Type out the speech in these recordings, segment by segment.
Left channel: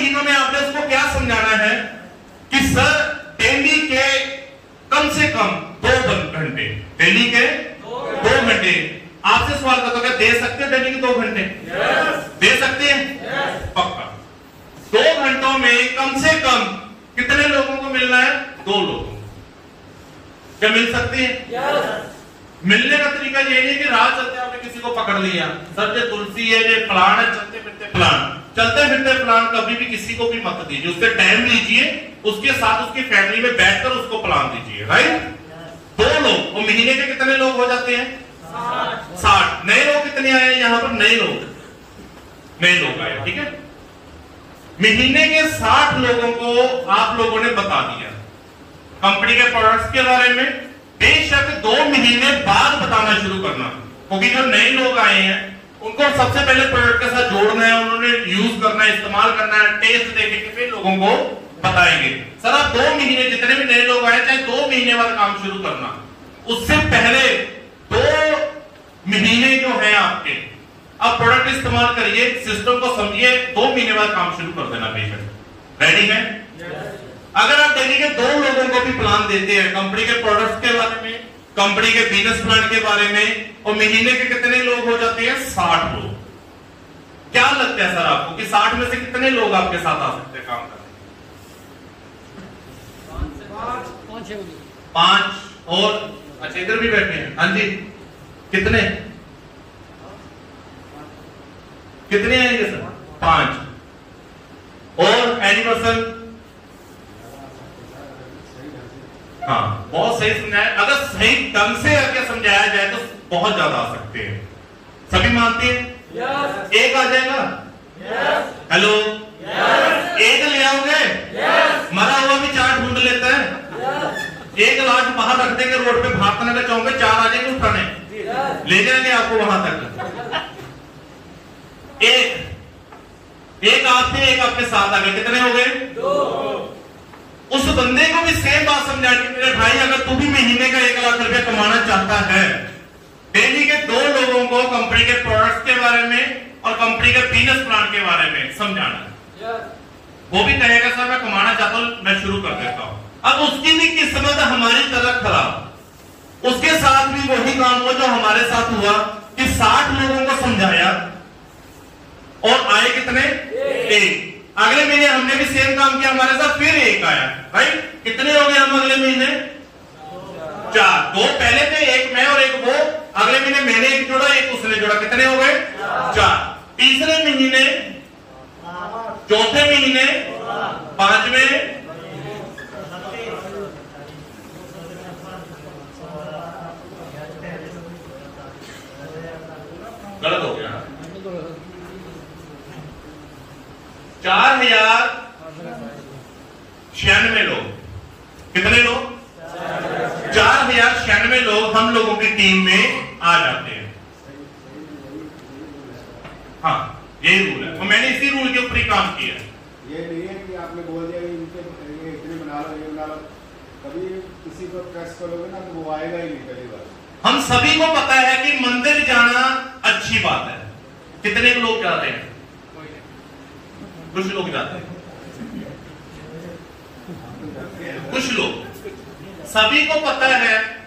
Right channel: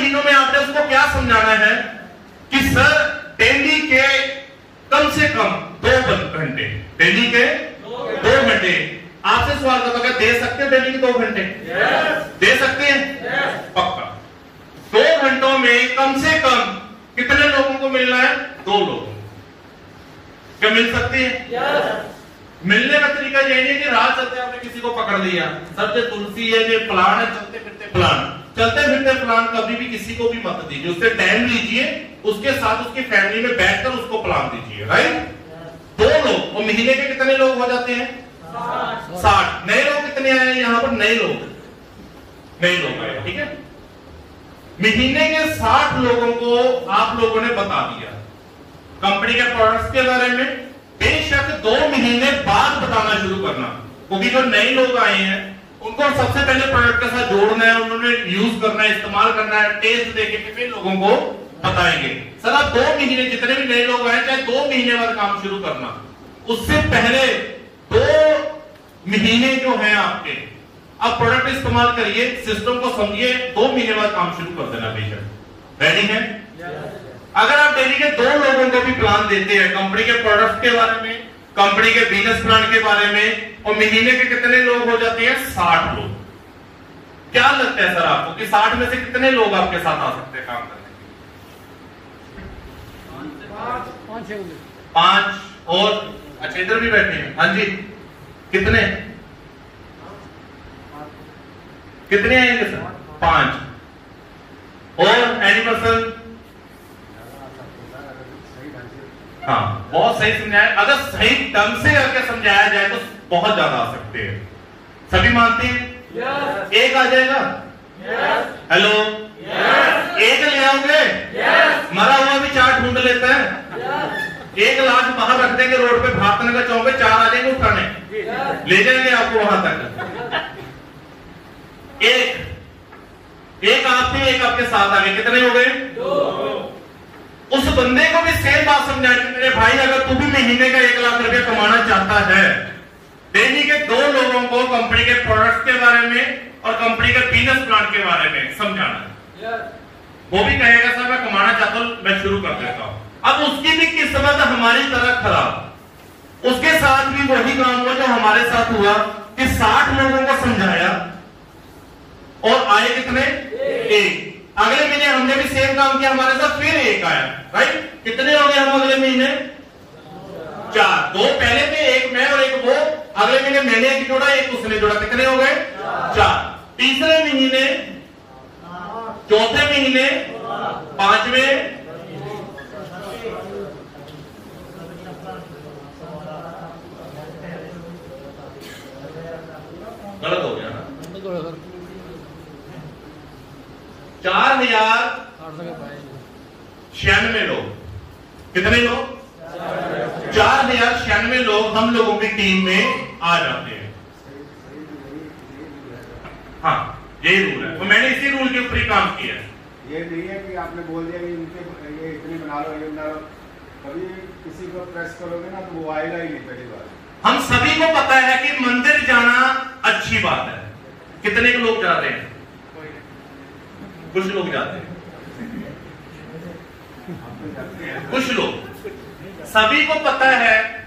महीनों में आपने उसको क्या समझाना है कि सर डेली के कम से कम 2 घंटे, डेली के 2 घंटे। आपसे सवाल करता हूं, दे सकते हैं डेली के 2 घंटे? दे सकते हैं? पक्का। 2 घंटों में कम से कम कितने लोगों को मिलना है? 2 लोगों को। क्या मिल सकते हैं? मिलने का तरीका ये नहीं कि रात चलते आपने किसी को पकड़ लिया, सर ये तुलसी है, ये फलान है, चलते फिरते फलान। चलते फिरते फलान कभी भी किसी को भी मत दीजिए, उससे टाइम लीजिए, उसके साथ उसकी फैमिली में बैठकर उसको प्लान दीजिए, राइट? 2 लोग, और महीने के कितने लोग हो जाते हैं? 60। नए लोग कितने आए हैं यहाँ पर? नए लोग आए, ठीक है। महीने के 60 लोगों को आप लोगों ने बता दिया कंपनी के प्रोडक्ट्स के बारे में। बेशक 2 महीने बाद बताना शुरू करना, क्योंकि जो नए लोग आए हैं उनको सबसे पहले प्रोडक्ट के साथ जोड़ना है, उन्होंने यूज करना है, इस्तेमाल करना है, टेस्ट देखे के फिर लोगों को बताएंगे। सर आप 2 महीने, जितने भी नए लोग आए चाहे 2 महीने बाद काम शुरू करना, उससे पहले 2 महीने जो है आपके, आप प्रोडक्ट इस्तेमाल करिए, सिस्टम को समझिए, 2 महीने बाद काम शुरू कर देना। बेशक रेडी है? अगर आप डेली के 2 लोगों को भी प्लान देते हैं कंपनी के प्रोडक्ट्स के बारे में, कंपनी के बिजनेस प्लान के बारे में, और महीने के कितने लोग हो जाते हैं? 60 लोग। क्या लगता है सर आपको कि 60 में से कितने लोग आपके साथ आ सकते हैं काम करने के? 5 और अच्छा इधर भी बैठे हैं, हाँ जी, कितने आएंगे सर? 5 और एनी पर्सन? हाँ, बहुत सही समझाया। अगर सही ढंग से अगर समझाया जाए तो बहुत ज्यादा आ सकते हैं। सभी मानते हैं? yes. एक आ जाएगा? yes. Hello, yes. एक ले आओगे? yes. मरा हुआ भी 4 ढूंढ लेता है। yes. एक लाश बाहर रख देंगे, रोड पे भागने का चाहोगे, 4 आ जाएंगे उठाने, yes. ले जाएंगे आपको वहां तक। एक आप थे, एक आपके साथ आ गए, कितने हो गए? 2। उस बंदे को भी सेम बात समझा कि मेरे भाई अगर तू भी महीने का 1 लाख रुपया कमाना चाहता है, डेली के 2 लोगों को कंपनी के प्रोडक्ट्स के बारे में और कंपनी के बिजनेस प्लान के बारे में समझाना। वो भी कहेगा सर मैं कमाना चाहता हूं, मैं शुरू कर देता हूं। अब उसकी भी किस्मत हमारी तरह खराब, उसके साथ भी वही काम हुआ जो हमारे साथ हुआ कि 60 लोगों को समझाया और आए कितने? 1। अगले महीने हमने भी सेम काम किया, हमारे साथ फिर 1 आया, राइट? कितने हो गए हम अगले महीने? 4। 2 पहले थे, 1 मैं और 1 वो। अगले महीने मैंने 1 जोड़ा, 1 उसने जोड़ा, कितने हो गए? 4। तीसरे महीने, चौथे महीने, 5वें, गलत हो गया, 4096 लोग। कितने लोग? 4096 लोग हम लोगों की टीम में आ जाते हैं। हाँ, यही रूल है, तो मैंने इसी रूल के ऊपर ही काम किया है। ये नहीं है कि आपने बोल दिया कि इनके ये इतने बना लो, ये बना लो, कभी किसी को प्रेस करोगे ना तो वो आएगा ही नहीं पहली बार। हम सभी को पता है कि मंदिर जाना अच्छी बात है। कितने लोग जा रहे हैं? कुछ लोग जाते हैं, कुछ लोग। सभी को पता है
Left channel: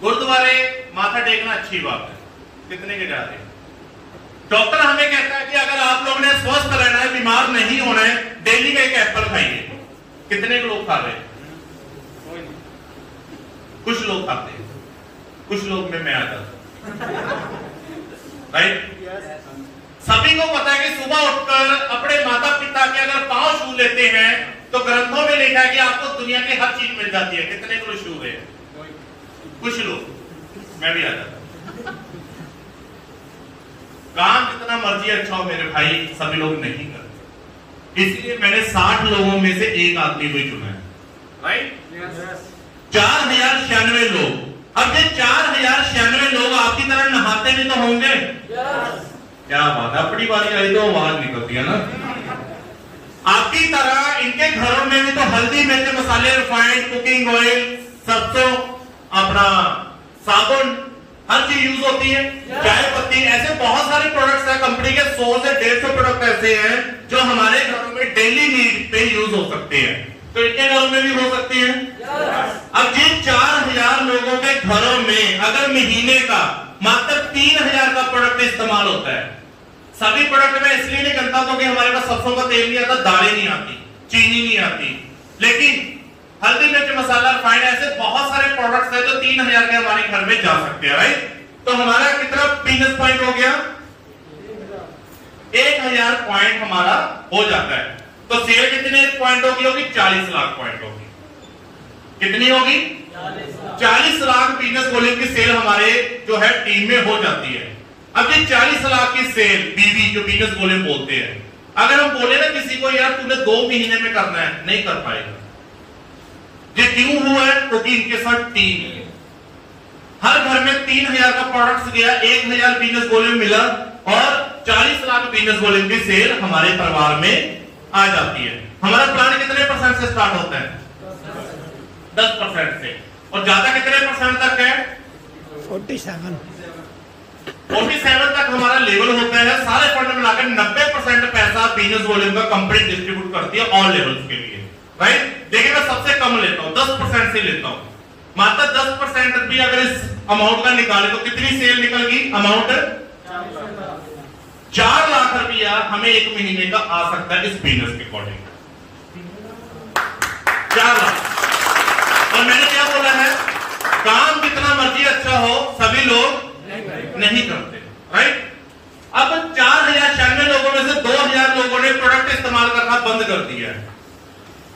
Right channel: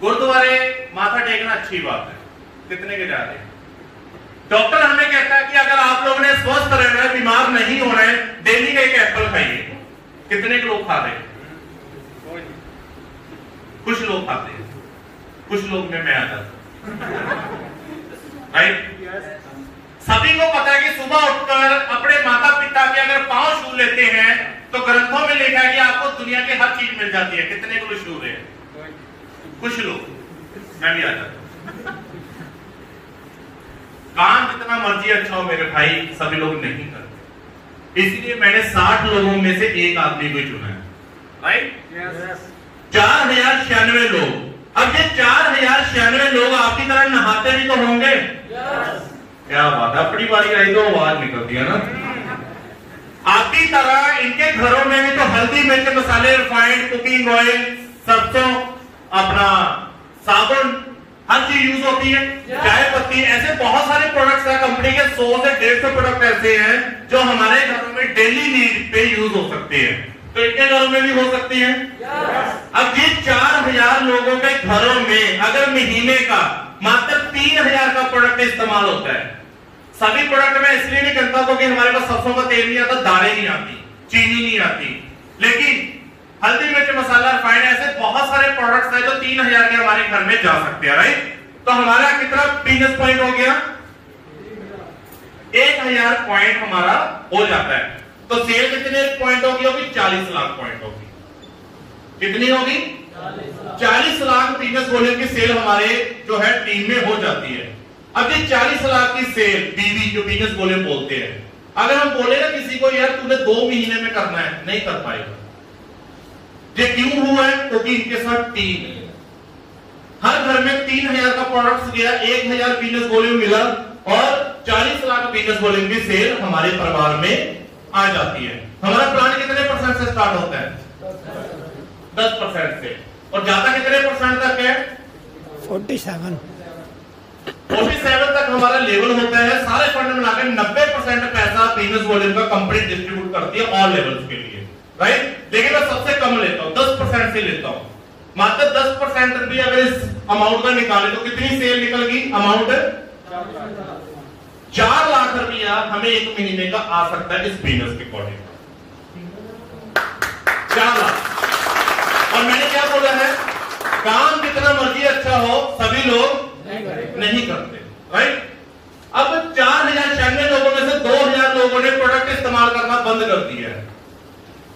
गुरुद्वारे माथा टेकना अच्छी बात है, कितने के जा रहे हैं? डॉक्टर हमें कहता है कि अगर आप लोगों ने स्वस्थ रहना है, बीमार नहीं होना है, डेली का 1 एप्पल खाइए। कितने लोग खा रहे हैं? कुछ लोग खाते हैं, कुछ लोग में मैं आ जाता हूं, राइट? सभी को पता है कि सुबह उठकर अपने माता पिता के अगर पांव छू लेते हैं तो ग्रंथों में लिखा है कि आपको दुनिया की हर चीज मिल जाती है। कितने को छू रहे हैं? कुछ लोग, मैं भी आ जाता हूं। काम जितना मर्जी अच्छा हो मेरे भाई, सभी लोग नहीं करते, इसलिए मैंने 60 लोगों में से 1 आदमी को चुना है, राइट? 4096 लोग। अब ये 4096 लोग आपकी तरह नहाते भी तो होंगे। क्या बात है, अपनी बारी आई तो आवाज निकलती है ना। आपकी तरह इनके घरों में भी तो हल्दी, मिर्च, मसाले, रिफाइंड, कुकिंग ऑयल, सरसों, अपना साबुन, हर चीज यूज होती है, चाय पत्ती, ऐसे बहुत सारे प्रोडक्ट्स हैं कंपनी के, 100 से 150 प्रोडक्ट ऐसे हैं जो हमारे घरों में डेली नीड पे यूज हो सकते हैं। तो इतने घरों में भी हो सकती है। अब ये 4000 लोगों के घरों में अगर महीने का मात्र 3000 का प्रोडक्ट इस्तेमाल होता है, सभी प्रोडक्ट में इसलिए नहीं करता क्योंकि हमारे पास सरसों का तेल नहीं आता, दालें नहीं आती, चीनी नहीं आती, लेकिन हल्दी मिर्च मसाला रिफाइंड ऐसे बहुत सारे प्रोडक्ट्स हैं जो 3000 के हमारे घर में जा सकते हैं, राइट। तो हमारा कितना बिजनेस पॉइंट हो गया, 1000 पॉइंट हमारा हो जाता है। तो सेल कितने पॉइंट होगी 40 लाख पॉइंट होगी। कितनी होगी 40 लाख बिजनेस वॉल्यूम की सेल हमारे जो है टीम में हो जाती है। अब ये 40 लाख की सेल बीवी जो बिजनेस वॉल्यूम बोलते हैं, अगर हम बोले ना किसी को यार तूने 2 महीने में करना है, नहीं कर पाएगा। ये क्यों हुआ है, क्योंकि इनके साथ टीम है। हर घर में 3000 का प्रोडक्ट गया, 1000 बिजनेस वॉल्यूम मिला और 40 लाख बिजनेस वॉल्यूम की सेल हमारे परिवार में आ जाती है। हमारा प्लान कितने % से स्टार्ट होता है 10% से, और ज्यादा कितने % तक है 47 तक हमारा लेवल होता है। सारे फंड मिलाकर 90% पैसा बिजनेस वॉल्यूम का कंपनी डिस्ट्रीब्यूट करती है ऑल लेवल्स के लिए, राइट। देखिए मैं सबसे कम लेता हूं, 10% से लेता हूं। मात्र 10% भी अगर इस अमाउंट का निकाले तो कितनी सेल निकल गई, अमाउंट 4 लाख रुपया हमें 1 महीने का आ सकता है इस बिजनेस के अकॉर्डिंग, 4 लाख। और मैंने क्या बोला है, काम जितना मर्जी अच्छा हो सभी लोग नहीं करते, राइट। अब 4096 लोगों में से 2000 लोगों ने प्रोडक्ट इस्तेमाल करना बंद कर दिया है,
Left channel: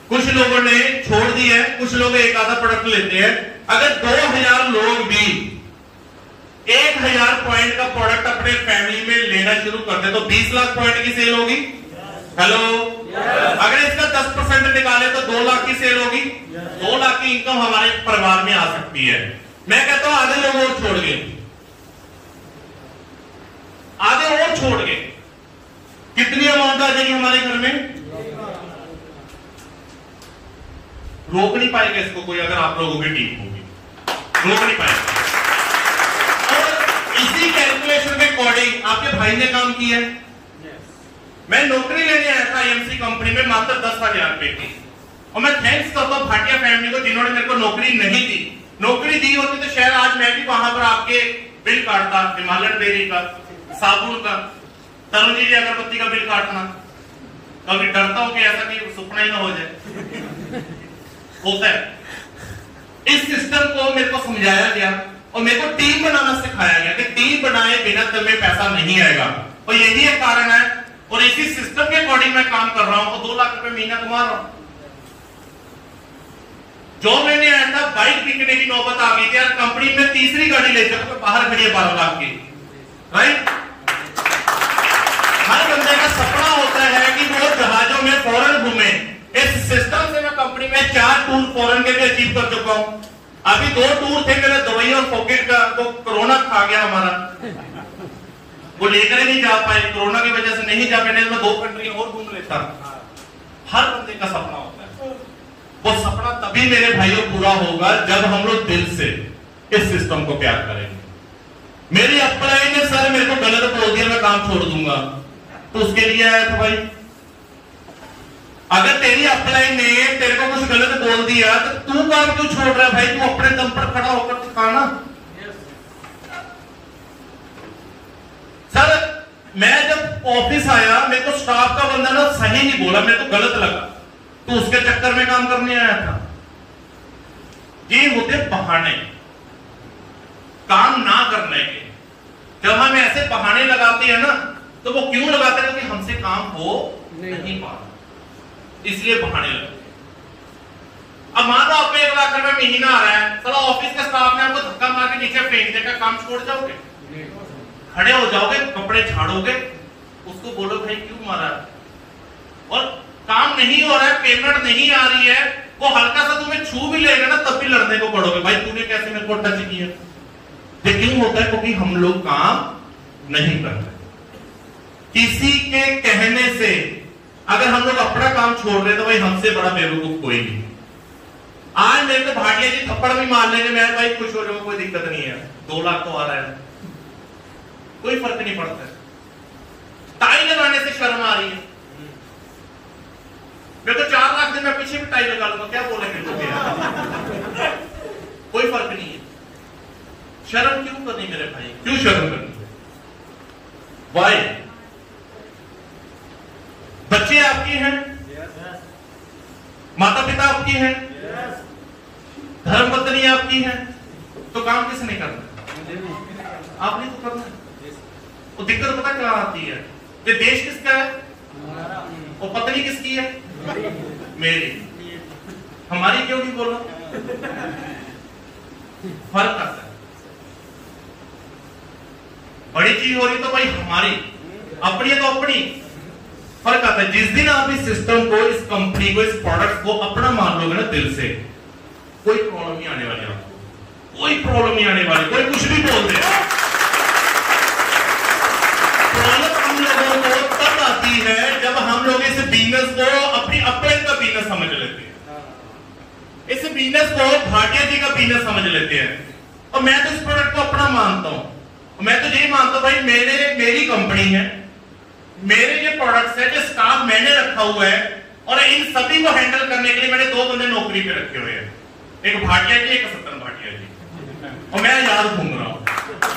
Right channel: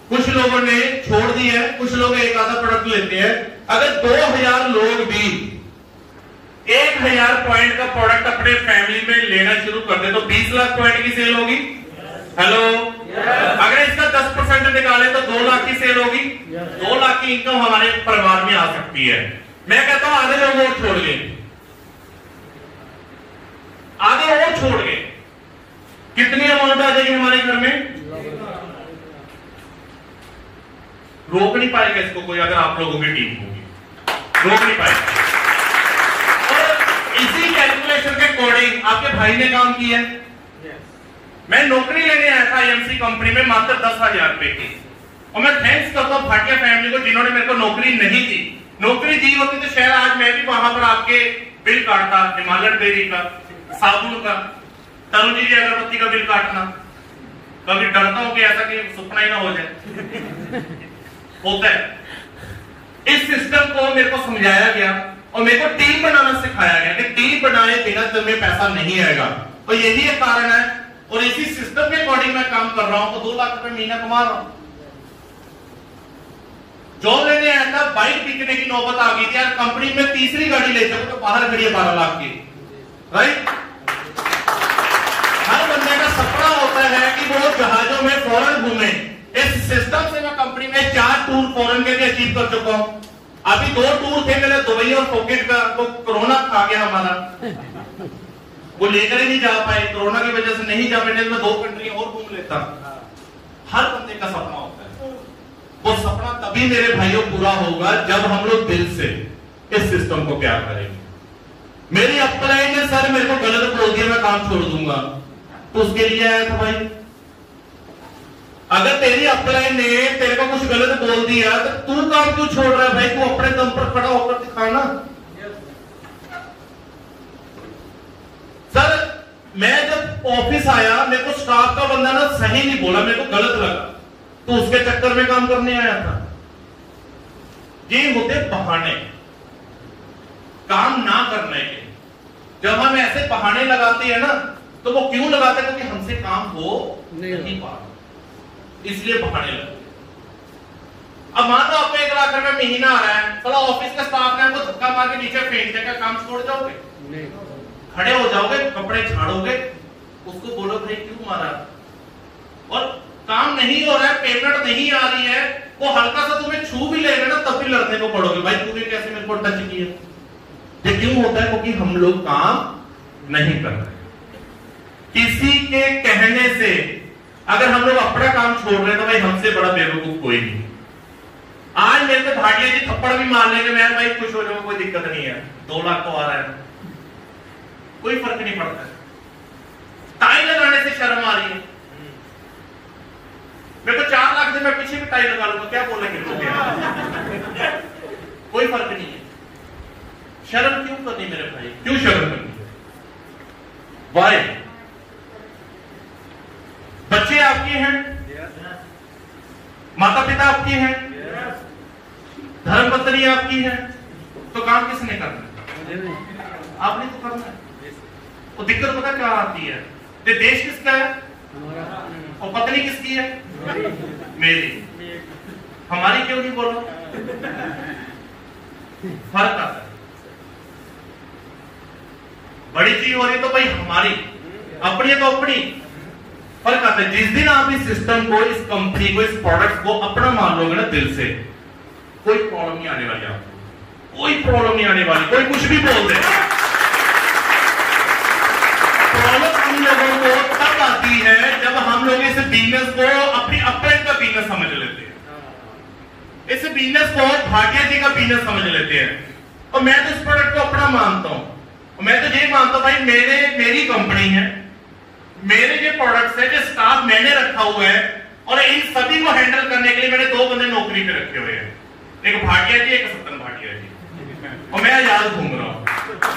कुछ लोगों ने छोड़ दिया है, कुछ लोग एक आधा प्रोडक्ट लेते हैं। अगर 2000 लोग भी 1000 पॉइंट का प्रोडक्ट अपने फैमिली में लेना शुरू कर दे तो 20 लाख पॉइंट की सेल होगी। हेलो, अगर इसका 10% निकाले तो 2 लाख की सेल होगी। 2 लाख की इनकम हमारे परिवार में आ सकती है। मैं कहता हूं आधे लोग और छोड़ गए, आधे और छोड़ गए, कितनी अमाउंट आ जाएगी हमारे घर में, रोक नहीं पाएगा इसको कोई। अगर आप लोगों की टीम होगी रोक नहीं पाएगा। और इसी कैलकुलेशन के अकॉर्डिंग आपके भाई ने काम किया है। मैं नौकरी लेने आया था IMC कंपनी में मात्र 10,000 रुपए की, और मैं थैंक्स करता हूं भाटिया फैमिली को जिन्होंने मेरे को नौकरी नहीं दी। नौकरी दी होती तो शायद आज मैं भी वहां पर आपके बिल काटता, हिमालयन डेयरी का, साबुन का, तरुण जी अगरबत्ती का बिल काटना। कभी डरता हूं कि ऐसा कि सपना ही ना हो जाए, होता है। इस सिस्टम को मेरे को समझाया गया और मेरे को टीम बनाना सिखाया गया कि टीम बनाए बिना दिल में पैसा नहीं आएगा, और यही एक कारण है। और इसी सिस्टम के अकॉर्डिंग मैं काम कर रहा हूं तो 2 लाख रुपए महीना कमा रहा हूं। जॉब लेने आया था, बाइक बिकने की नौबत आ गई थी यार, कंपनी में तीसरी गाड़ी ले जाऊंगा, बाहर खड़ी है 12 लाख की, राइट। हर बंदे का सपना होता है कि वो जहाजों में फॉरेन घूमे। इस सिस्टम से मैं कंपनी में 4 टूर फॉरेन के भी अचीव कर चुका हूं। अभी 2 टूर थे मेरे, दुबई और फोकेट का, तो कोरोना खा गया हमारा, वो लेकर ही नहीं जा पाए, कोरोना की वजह से नहीं जा पाए, मैं 2 कंट्री और घूम लेता। हर बंदे का सपना होता है, वो सपना तभी मेरे भाइयों पूरा होगा जब हम लोग दिल से इस सिस्टम को प्यार करेंगे। मेरी अपलाइन ने सर मेरे को गलत बोल दिया, मैं काम छोड़ दूंगा, तो उसके लिए आया था भाई। अगर तेरी अपलाइन ने तेरे को कुछ गलत बोल दिया तो तू काम क्यों छोड़ रहा है भाई, तू अपने दम पर खड़ा होकर दिखाना। सर मैं जब ऑफिस आया मेरे को स्टाफ का बंदा ना सही नहीं बोला, मेरे को गलत लगा, तो उसके चक्कर में काम करने आया था। ये होते बहाने काम ना करने के। जब हम ऐसे बहाने लगाते हैं ना तो वो क्यों लगाते हैं, क्योंकि हमसे काम हो नहीं पा रहा, इसलिए बहाने लगते। अब मान लो आपको 1 लाख रुपए महीना आ रहा है, चलो ऑफिस के स्टाफ ने आपको धक्का मार के नीचे फेंक देगा, काम छोड़ जाओगे, खड़े हो जाओगे, कपड़े झाड़ोगे, उसको बोलो भाई क्यों मारा, और काम नहीं हो रहा है, पेमेंट नहीं आ रही है, वो हल्का सा तुम्हें छू भी लेगा ना तब भी लड़ने को पड़ोगे, भाई तूने कैसे मेरे को टच किया। ये क्यों होता है, क्योंकि हम लोग काम नहीं कर रहे। किसी के कहने से अगर हम लोग अपना काम छोड़ रहे तो भाई हमसे बड़ा बेवकूफ कोई नहीं। आज मेरे को भाटिया जी थप्पड़ भी मार लेंगे, मैं भाई खुश हो जाऊं, कोई दिक्कत नहीं है, 2 लाख तो आ रहा है, कोई फर्क नहीं पड़ता। टाई लगाने से शर्म आ रही है, मैं तो 4 लाख से मैं पीछे भी टाई लगा लूंगा, क्या बोलेंगे लोग यार? कोई फर्क नहीं है। शर्म क्यों करनी मेरे भाई, क्यों शर्म करनी? वाई? बच्चे आपके हैं, माता पिता आपके हैं, धर्मपत्नी आपकी है, तो काम किसने करना है? आपने तो करना है। वो दिक्कत पता क्या आती है, ये देश किसका है और पत्नी किसकी है? मेरी। हमारी क्यों नहीं बोला? फर्क आता है। बड़ी चीज हो रही तो भाई हमारी, अपनी है तो अपनी। फर्क आता है। जिस दिन आप इस सिस्टम को, इस कंपनी को, इस प्रोडक्ट को अपना मान लोगे ना दिल से, कोई प्रॉब्लम नहीं आने वाली आपको, कोई प्रॉब्लम नहीं आने वाली। कोई कुछ भी बोल दे, प्रॉब्लम हम लोगों को तब आती है जब हम लोग इस बिजनेस को अपनी अपने का बिजनेस समझ लेते हैं, इस बिजनेस को भाटिया जी का बिजनेस समझ लेते हैं। और मैं तो इस प्रोडक्ट को अपना मानता हूं, मैं तो ये मानता हूं भाई मेरी कंपनी है, मेरे जो प्रोडक्ट्स है, जो स्टाफ मैंने रखा हुआ है, और इन सभी को हैंडल करने के लिए मैंने 2 बंदे नौकरी पे रखे हुए हैं, एक भाटिया जी, एक सत्तन भाटिया जी, और मैं याद घूम रहा हूं।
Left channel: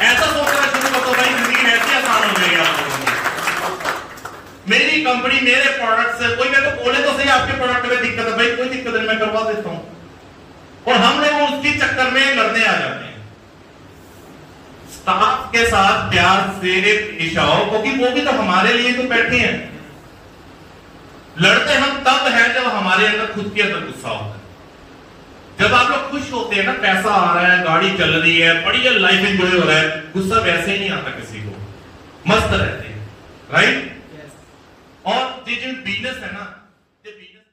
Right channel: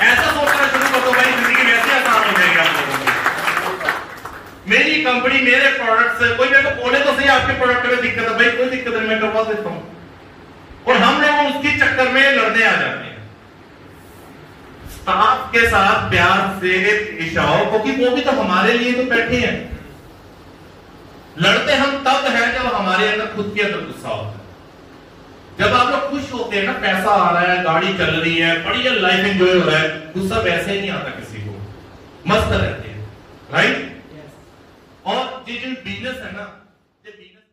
ऐसा सोचना शुरू कर दो भाई, जिंदगी वैसी आसान हो जाएगी आप लोगों को। मेरी कंपनी, मेरे प्रोडक्ट्स, कोई मेरे को बोले तो सही आपके प्रोडक्ट में दिक्कत है, भाई कोई दिक्कत नहीं, मैं करवा देता हूं। और हम लोग उसकी चक्कर में लड़ने आ जाते हैं। स्टाफ के साथ प्यार से पेश आओ, क्योंकि वो भी तो हमारे लिए तो बैठे हैं। लड़ते हम तब हैं जब हमारे अंदर खुद के अंदर गुस्सा होता है। जब आप लोग खुश होते हैं ना, पैसा आ रहा है, गाड़ी चल रही है, बढ़िया लाइफ एंजॉय हो रहा है, गुस्सा वैसे ही नहीं आता किसी को, मस्त रहते हैं, राइट? और ये जो बिजनेस है ना, ये बिजनेस